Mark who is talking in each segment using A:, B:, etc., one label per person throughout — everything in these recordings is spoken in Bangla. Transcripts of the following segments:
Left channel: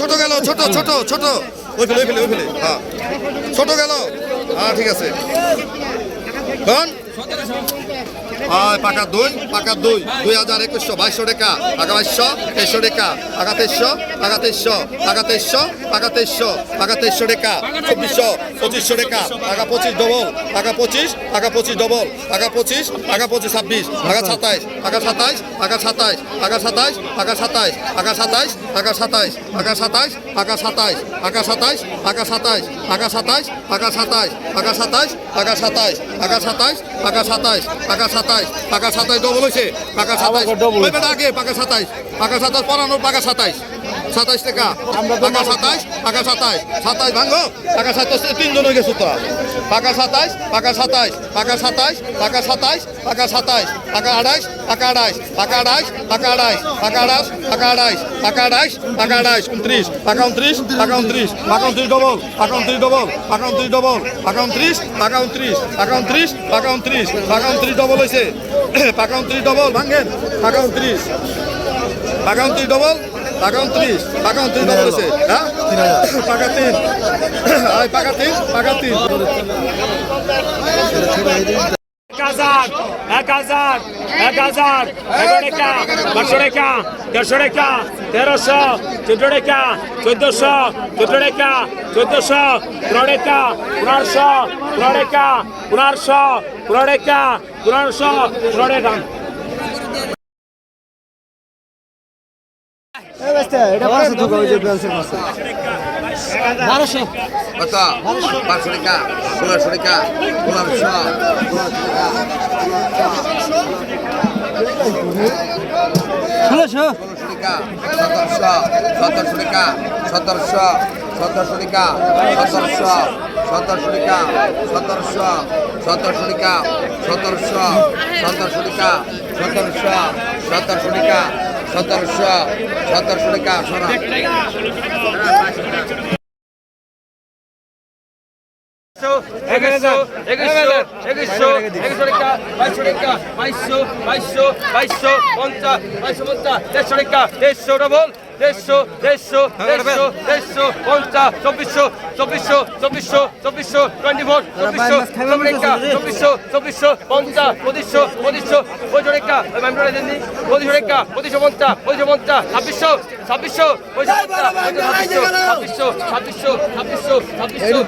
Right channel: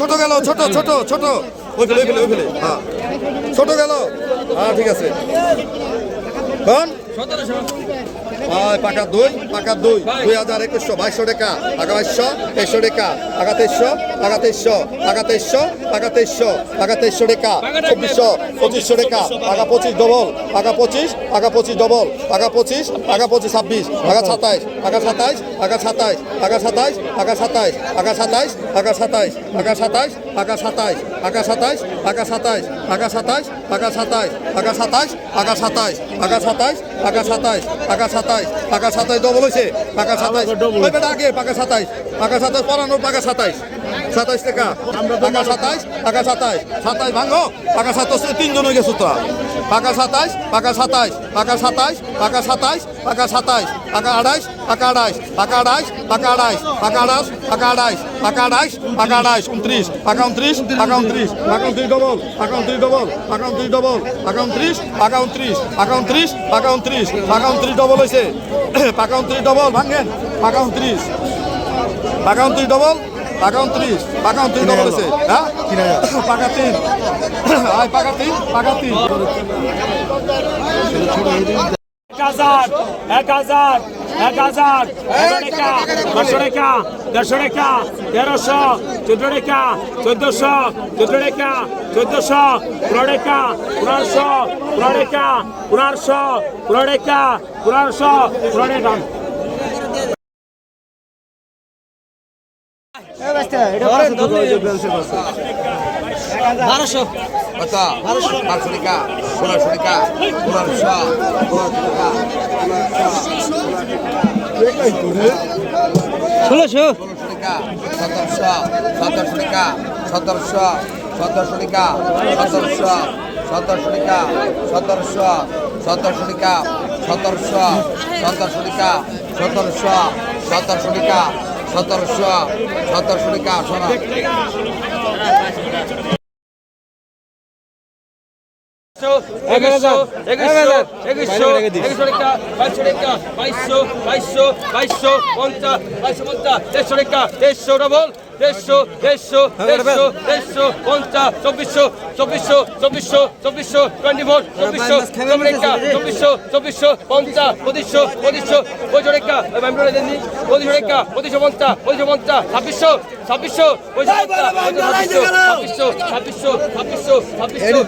A: ছোট গেল, ছোট ছোট ছোট। ওই ফেলে ওই ফেলে ওই ফেলে হ্যাঁ। ছোট গেল। হ্যাঁ ঠিক আছে। কোন পাকা দুই পাকা দুই। দুই হাজার একুশশো, বাইশশো টাকা। পাকা বাইশশো, তেইশশো টাকা। পাকা তেইশশো পাকা তেইশশো পাকা তেইশশো পাকা তেইশশো পাকা তেইশশো টাকা। চব্বিশশো, পঁচিশশো টাকা। পাকা পঁচিশ ডবল, পাকা পঁচিশ পাকা পঁচিশ ডবল, পাকা পঁচিশ পাকা পঁচিশ ছাব্বিশ, পাকা সাতাইশ পাকা সাতাইশ পাকা সাতাইশ পাকা সাতাইশ পাকা সাতাইশ পাকা সাতাইশ পাকা সাতাইশ পাকা সাতাইশ সাতাইশ পাকা সাতাইশ আকা সাতাইশ আকা সাতাইশ আকা সাতাইশ আকা সাতাইশ আকা সাতাইশ আকা সাতাইশ আকা সাতাইশ আকা সাতাইশ আকা সাতাইশ ডবল হয়েছে পাকা সাতাইশ আগে পাকা সাতাইশ পাকা সাতাইশ পরানোর পাকা সাতাইশ সাতাইশ টাকা। পাকা সাতাইশ পাকা সাতাইশ সাতাইশ ভাঙো পাকা সাতাইশ তিনজন হয়ে গেছো তো। পাকা সাতাইশ পাকা সাতাইশ পাকা সাতাইশ পাকা সাতাইশ পাকা সাতাইশ পাকা আড়াইশ পাকা আড়াইশ পাকা আড়াইশ পাকা আড়াইশ পাকা আড়াইশ পাকা আড়াইশ পাকা আড়াইশ পাকা আড়াইশ উনত্রিশ পাকা উনত্রিশ পাকা উনত্রিশ পাকা উনত্রিশ ডবল পাকা উনত্রিশ ডবল পাকা উনত্রিশ ডবল পাকা উনত্রিশ পাকা উনত্রিশ পাকা উনত্রিশ পাকা উনত্রিশ পাকা উনত্রিশ ডবল হয়েছে। পাকা উনত্রিশ ডবল ভাঙেন। পাকা উনত্রিশ পাকা উনত্রিশ ডবল পাকা উনত্রিশ পাকা উনত্রিশ ডবল হয়েছে হ্যাঁ? পাকা তিন। আয় পাকা তিন পাকা তিন।
B: হাজার এক হাজার এক হাজার একশো টাকা দেড়শো টাকা দেড়শো টাকা তেরোশো চোদ্দ টাকা চোদ্দশো চোদ্দ টাকা চোদ্দশো পনেরো টাকা পনেরোশো পনেরো টাকা পনেরোশো পনেরো টাকা পনেরোশো পনেরো টাকা
C: বারোশো
A: কত পাঁচশো টাকা পনেরোশো টাকা পনেরোশো পনেরোশো টাকা
C: ষোলোশো
A: ষোলোশো সতেরোশো সতেরোশো টাকা সতেরোশো সতেরোশো টাকা সতেরোশো সতেরোশো টাকা সতেরোশো সতেরোশো টাকা সতেরোশো সতেরোশো টাকা সতেরোশো সতেরোশো টাকা সতেরোশো সতেরোশো টাকা শোনা
B: এগারোশো এগারোশো এগারোশো এগারোশো টাকা, বাইশশো টাকা, বাইশশো বাইশশো বাইশশো, পঞ্চাশ বাইশশো পঞ্চাশ, দেড়শো টাকা, দেড়শো ডবল দেড়শো দেড়শো দেড়শো দেড়শো, পঞ্চাশ, চব্বিশশো চব্বিশশো চব্বিশশো চব্বিশশো টোয়েন্টি ফোর চব্বিশশো চব্বিশ চব্বিশশো চব্বিশশো, পঞ্চাশ, পঁচিশশো পঁচিশশো পঁচিশশো টাকা পঁচিশশো টাকা পঁচিশশো, পঞ্চাশ পঁচিশশো, পঞ্চাশ, ছাব্বিশশো ছাব্বিশশো ছাব্বিশশো ছাব্বিশশো ছাব্বিশশো ছাব্বিশশো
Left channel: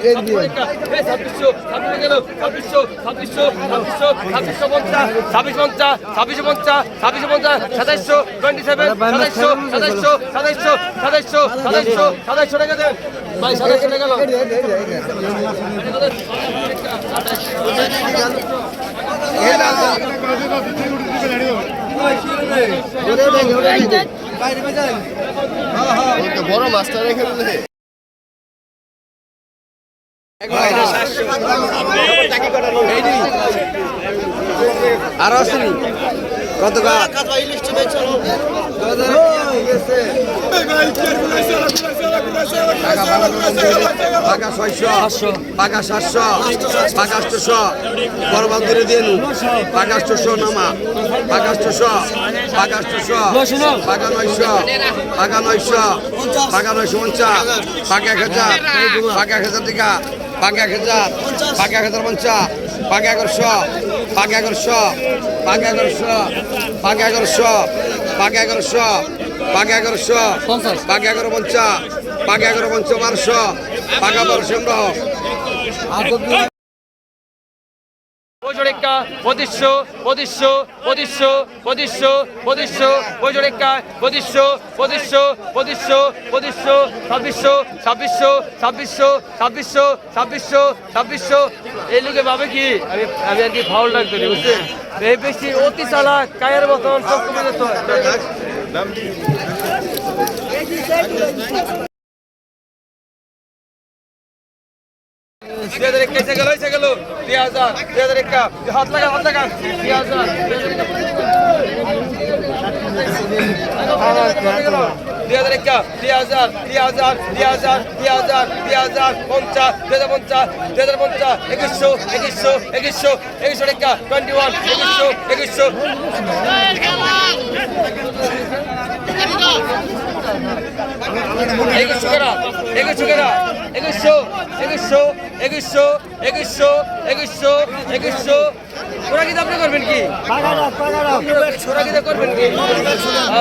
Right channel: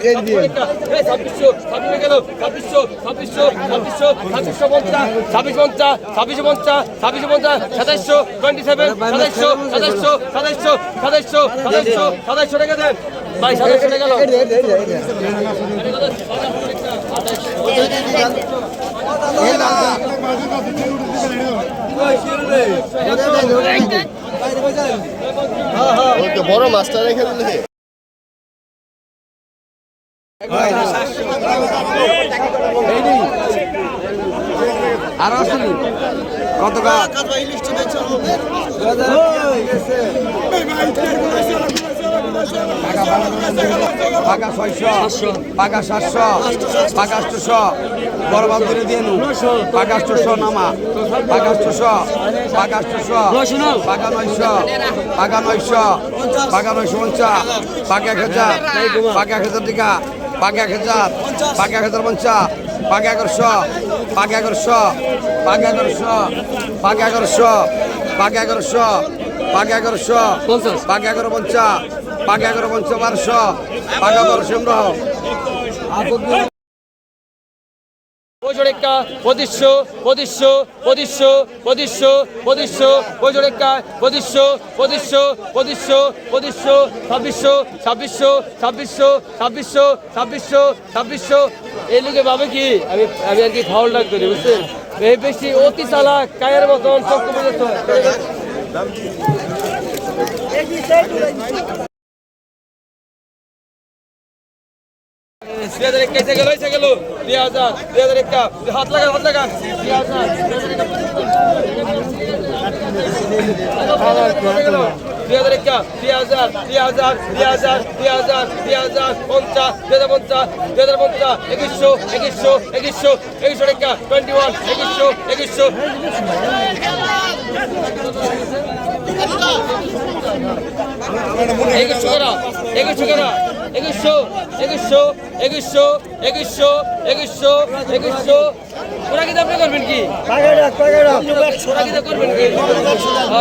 B: ছাব্বিশশো ছাব্বিশে গেল ছাব্বিশশো ছাব্বিশশো ছাব্বিশশো ছাব্বিশশো পঞ্চাশ ছাব্বিশ পঞ্চাশ ছাব্বিশে পঞ্চাশ ছাব্বিশে পঞ্চাশ সাতাইশশো টোয়েন্টি সেভেন সাতাইশশো সাতাইশশো সাতাইশশো সাতাইশশো সাতাইশশো সাতাইশশো টাকা
A: বড় মাছটা রেখে দিলে। আর আসেনি। কত গাছ পাকা ছয়শো, পাকা সাতশো, পাকা আটশো, বড় বাজারে দিয়ে নু পাকা আটশো নামা পাকা আটশো পাকা আটশো, পাকা নয়শো পাকা নয়শো পাকা নয়শো পঞ্চাশ, পাকা এক হাজার, পাকা এক পঞ্চাশ পাঁচ এগারোশো পাঁচ এগারোশো পাঁচ এগারোশো পাঁচ এগারোশো পাঁচ এগারোশো পাঁচ এগারোশো পঞ্চাশ। পাঁচ এগারো পঞ্চাশ পাঁচ এগারো পঞ্চাশ বারোশো পাঁচ এগারোশো
B: বজরেক্কা পঁচিশশো পঁচিশশো পঁচিশশো পঁচিশশো পঁচিশশো বজরেক্কা পঁচিশশো পঁচিশশো পঁচিশশো পঁচিশশো ছাব্বিশশো ছাব্বিশশো ছাব্বিশশো ছাব্বিশশো ছাব্বিশশো ছাব্বিশশো এই লোকে ভাবে কি? আমি আমি আর কি ফাউল ডাক করি বুঝছেন এই বেশি অতি চালাক, কায়ের মতন সব কমে যেত দুই হাজার এক হাত হাত দুই হাজার দুই হাজার দুই হাজার দুই হাজার দুই হাজার দুই হাজার পঞ্চাশ, দুই হাজার পঞ্চাশ, দুই হাজার পঞ্চাশ, একুশশো একুশশো একুশশো একুশশো টাকা টোয়েন্টি ওয়ান একুশশো একুশশো। একুশশো করা একুশশো করা একুশশো একুশশো একুশশো একুশশো একুশশো একুশশো ওরা কি আপনি করবেন কি ওরা করবেন কি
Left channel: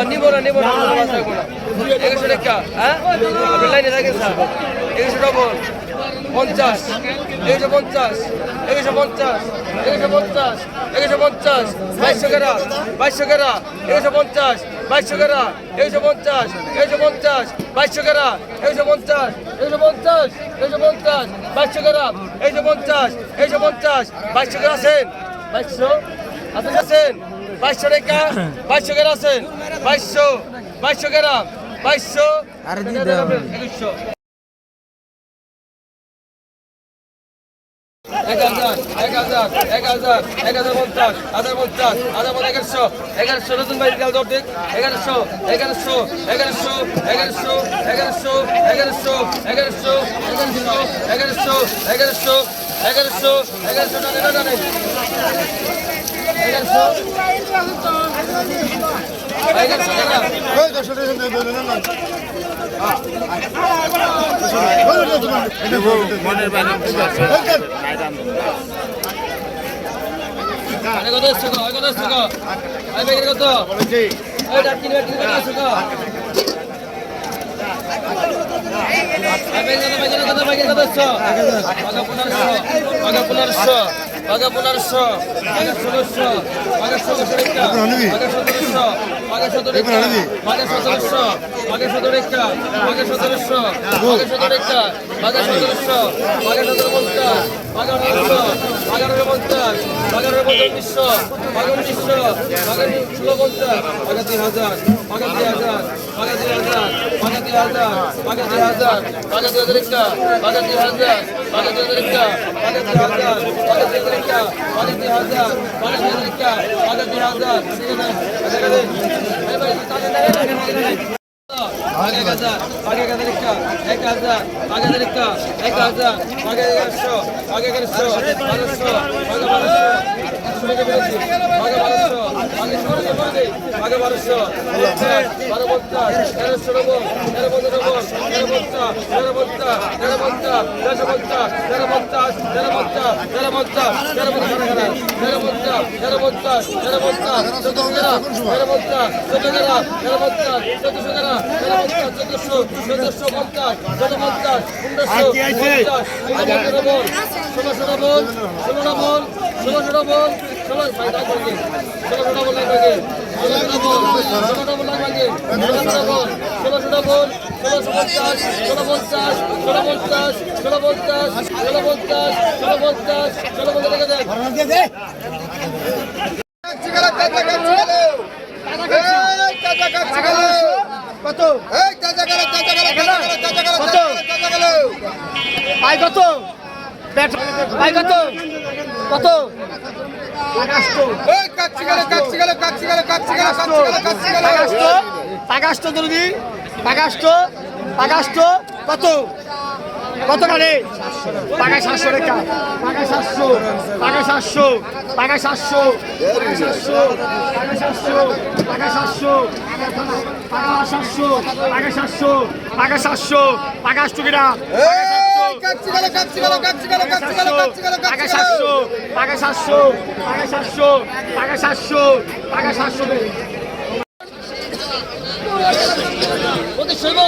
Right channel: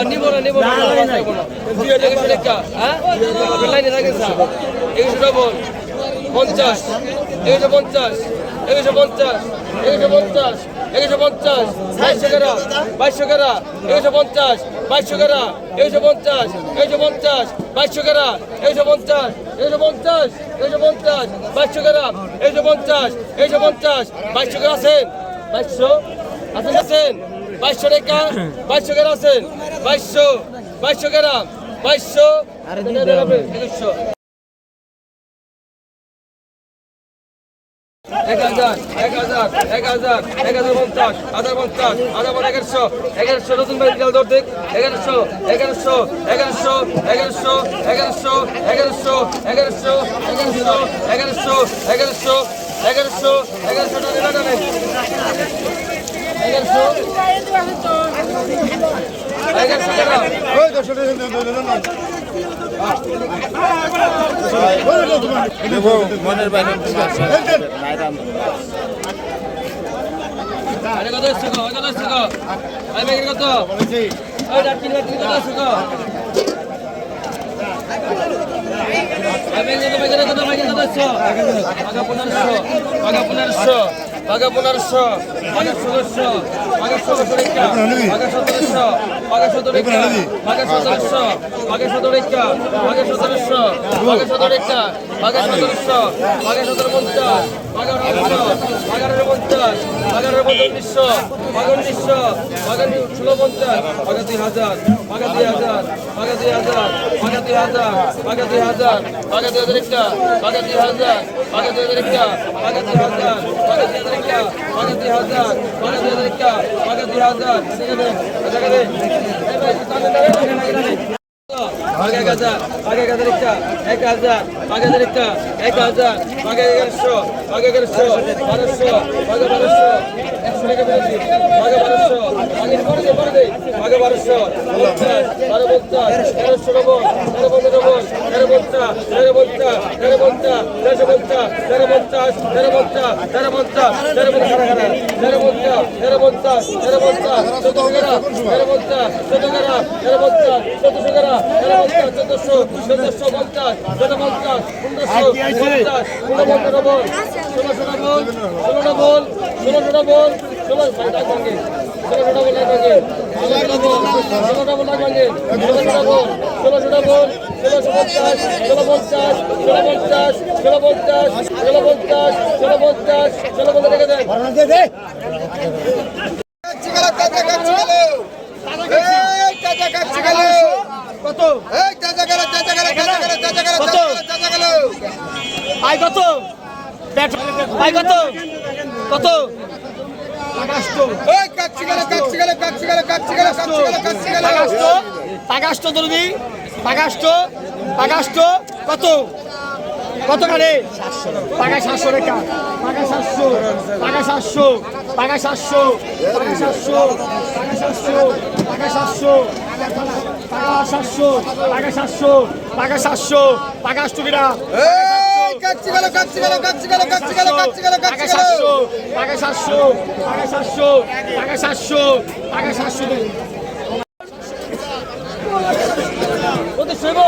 B: নিব না নিব হ্যাঁ লাইনে থাকেন একুশশো ডবল পঞ্চাশ একুশশো পঞ্চাশ একুশশো পঞ্চাশ একুশশো পঞ্চাশ একুশশো পঞ্চাশ বাইশশো কেরা বাইশশো কেরা একুশশো পঞ্চাশ বাইশশো কেরা একুশশো পঞ্চাশ একশো পঞ্চাশ বাইশশো কেরা একুশশো পঞ্চাশ একশো পঞ্চাশ একশো পঞ্চাশ বাইশশো কেরা একুশশো পঞ্চাশ একশো পঞ্চাশ বাইশশো কেরা আছেন বাইশশো আপনি আছেন বাইশশো টাকা বাইশশো কেরা আছেন বাইশশো বাইশশো কেরা বাইশশো একুশশো এক হাজার এক হাজার এক হাজার এক হাজার পঞ্চাশ হাজার পঞ্চাশ হাজার পঞ্চাশ এগারোশো এগারোশো নতুন বাড়ি গেল দৌড় এগারোশো এগারোশো এগারোশো এগারোশো এগারোশো এগারোশো এগারোশো এগারোশো এগারোশো এগারোশো এগারোশো এগারোশো টানে টানে এগারোশো এগারোশো টাকা কত এসছে গো কত এসছে গো ভাই ভাই কত বলছি ওই ডাকিন ভাই কত এসছে গো পনেরোশো পনেরোশো পনেরোশো মাগে সতেরো একটা মাগে সতেরোশো মাগে সতেরো একটা মাগে সতেরোশো মাগে সতেরো একটা মাগে সতেরোশো মাগে সতেরো পঞ্চাশ এগারোশো এগারো পঞ্চাশ এগারো পঁয়ত্রিশশো পঁয়ত্রিশশো পঁয়ত্রিশ ষোলো পঞ্চাশ পঁয়তাত্তি হাজার পঁয়তাত্তি হাজার পঁয়তাত্তি হাজার পঁয়তাত্তি হাজার পঁয়তাত্তি হাজার পঁয়তাত্তি হাজার একটা পঁয়তাত্তি হাজার পঁয়তাত্তি হাজার একটা পঁয়তাত্তি হাজার পঁয়তাত্তি হাজার একটা পঁয়তাত্তি হাজার পঁয়তাত্তি হাজার একটা পঁয়তাত্তি হাজার ঠিক আছে আগে এক হাজার আগে এক হাজার একটা এক এক হাজার আগে এগারোশো এগারোশো বারোশো আগে বারোশো একশো টাকা বেড়েছি আগে করে দে করে বারো পঞ্চাশ তেরোশো ডবল তেরো পঞ্চাশ ডবল তেরো পঞ্চাশ তেরো পঞ্চাশ তেরো তেরো পঞ্চাশ তেরো তেরো তেরো পঞ্চাশ তেরো পঞ্চাশ তেরো পঞ্চাশ তেরো তেরো পঞ্চাশ চোদ্দ টাকা তেরো চোদ্দশো চোদ্দশো পঞ্চাশ চোদ্দ পঞ্চাশ পনেরোশো পঞ্চাশ পনেরো বল ষোলোশো বল ষোলোটা বল ষোলোশোটা বল ষোলো ষোলোশোটা বল লাগে ষোলোশোটা বল ষোলোটা বল লাগে ষোলোশোটা বল ষোলোশোটা বল ষোলোশো পঞ্চাশ ষোলো পঞ্চাশ ষোলো পঞ্চাশ ষোলো পঞ্চাশ ষোলো পঞ্চাশ ষোলো পঞ্চাশ ষোলো পঞ্চাশ রেখে
C: কত?
A: এই চাচা গেল চাচা গেল চাচা গেল চাচা গেল চাচা গেল
C: ভাই কত? ভাই
A: ওই কাচ্ছি গেল কাচ্ছি গেল কাচ্ছি গেল কাচ্ছি গেল কাচ্ছি গেল কাচ্ছি গেল।
C: পাগাস্ট জলদি কত কারে পাগা সাতশো রেখা পাগা সাতশো পাগা সাতশো পাগা সাতশো পাগা সাতশো পাগা সাতশো পাগা সাতশো পাগা সাতশো পাগা সাতশো পাগা সাতশো পাগাষ্ট কিনা
A: এই, কাচ্চি গেলো, কাচ্চি গেলো, কাচ্চি গেলো, কাচ্চি গেলো, কাচ্চি গেলো,
C: পাগা
A: গেলো।
C: সাতশো পাগা সাতশো পাগা সাতশো পাগা সাতশো পাগা সাতশো
B: ওদের শুনব